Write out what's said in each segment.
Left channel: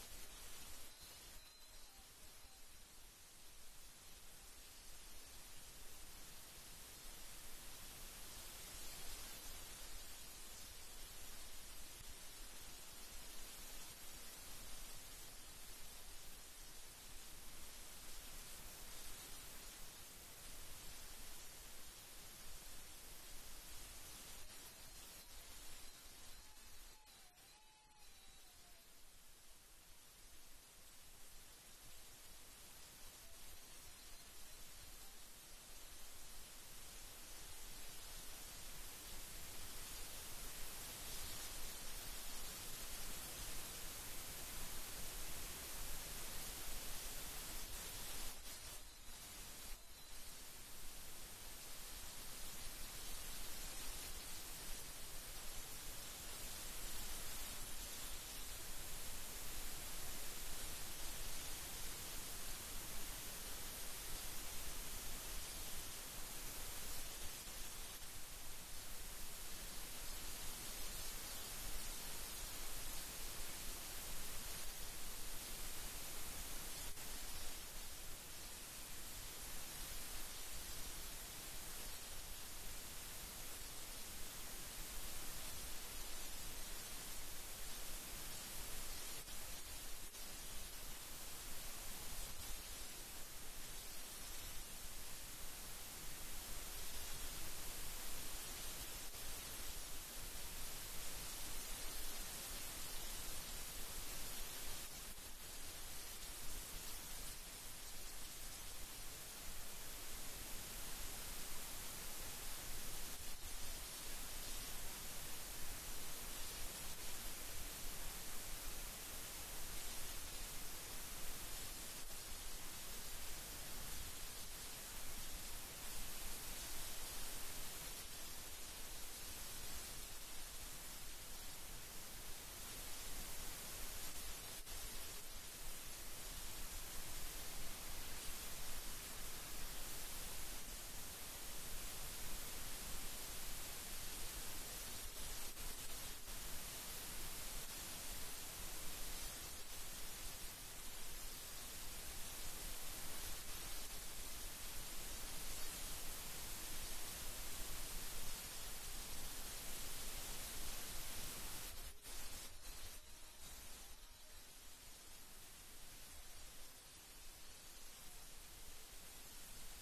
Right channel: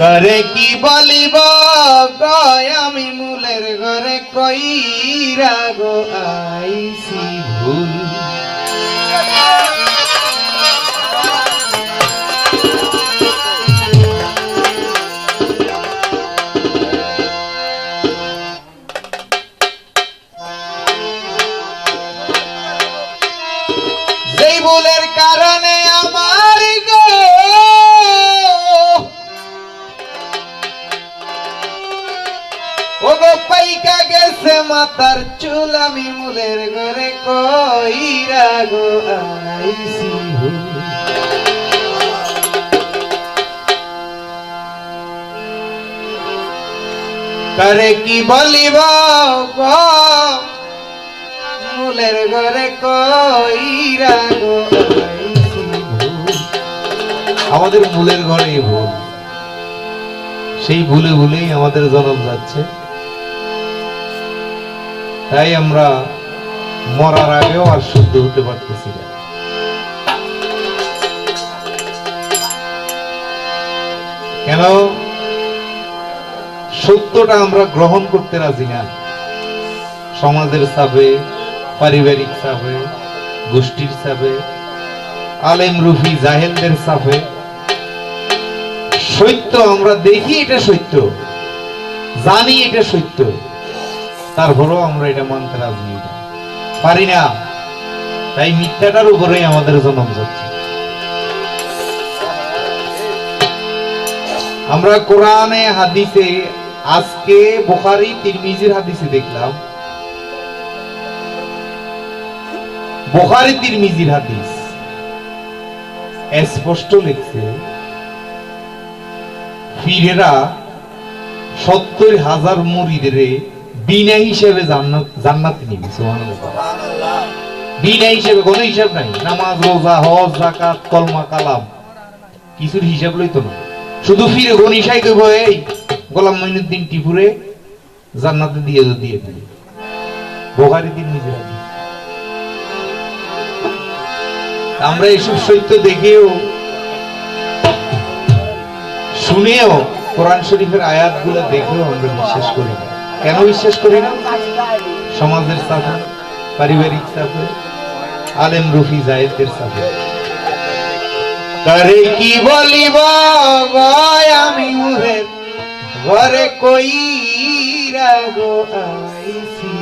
করে কি বলিব? আমি মূলের ঘরে কইরা গো আইছি। মাতার চুল আমি মুলের ঘরে কইরা গো ভুল। করে কি বলিব মুলের ঘরে কইরা গো আমাদের মূলের ঘরে ভুল। সেই ভুলে ভুলেই আমাদের জন্ম যাচ্ছে। তাই আমরা মরার আগেও আর শুদ্ধ হতে পারতেছি না। কেন? সত্যটা আমরা গ্রহণ করতে রাজি না। সমাজের চাপে, পারিবারিক চাপে, গোষ্ঠীর চাপে আলেম রুফি জাহেলদের চাপে। সত্য, আমরা দেখি এটা সত্য, জানি এটা সত্য। তারপরেও আমরা এটা মানতে রাজি পারি না। তাই মিথ্যাটার উপরেই আমাদের জন্ম যাচ্ছে। আমরা কোরআনে, হাদিসে, আজকে বোখারি, তিরমিজির হাদিসে দেখলাম। বোখারি, তিরমিজির হাদিস। স্পষ্ট লিখছে ফিরেরা সত্তর হাজার মুরিদের বিনা হিসেবে জান্নাত নিবে বিনা হিসেবে কোনো হিসাব নাই। নামাজ, রোজা, হজ কলমা, কালাম। কিছুর হিসাব লইতো না। শুধু ফিরে গনিশাই কইব এই গোলাম টিপুরে জান্নাতে দিয়ে দিয়ে বোখারি দিন আমরা এইসব সত্য দেখেও, শুনেও কোরআন শরীফের আয়াতগুলো দেখেও আমরা বিশ্বাস করি না। কেন বিশ্বাস করি না? সমাজের চাপে পারিবারিক চাপে আলেম রফি জায়েদের চাপে করে কি বলিব আমি মুরে ঘরে কই রাগো আইছি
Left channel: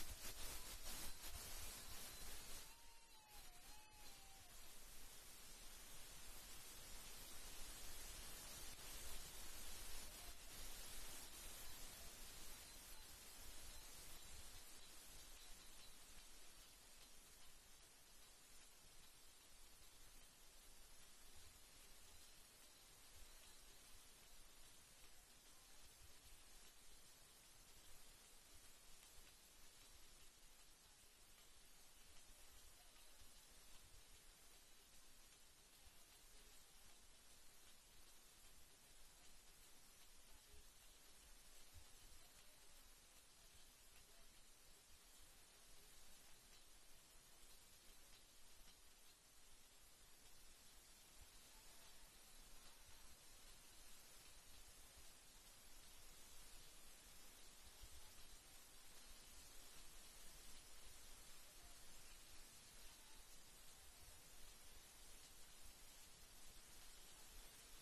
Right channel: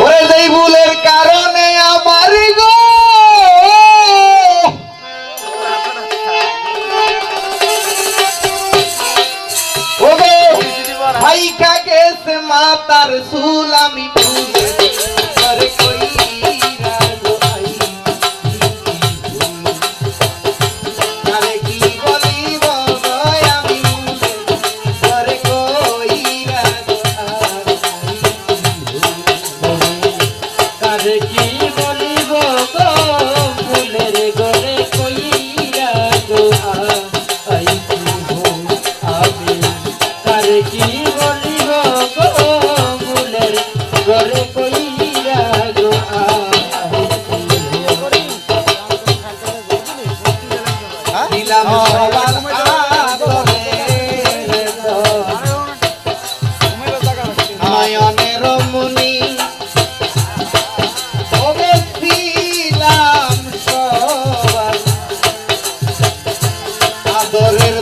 ওরে যেই ভুলের কারণে আমার মাতার চুল আমি ভুলে correr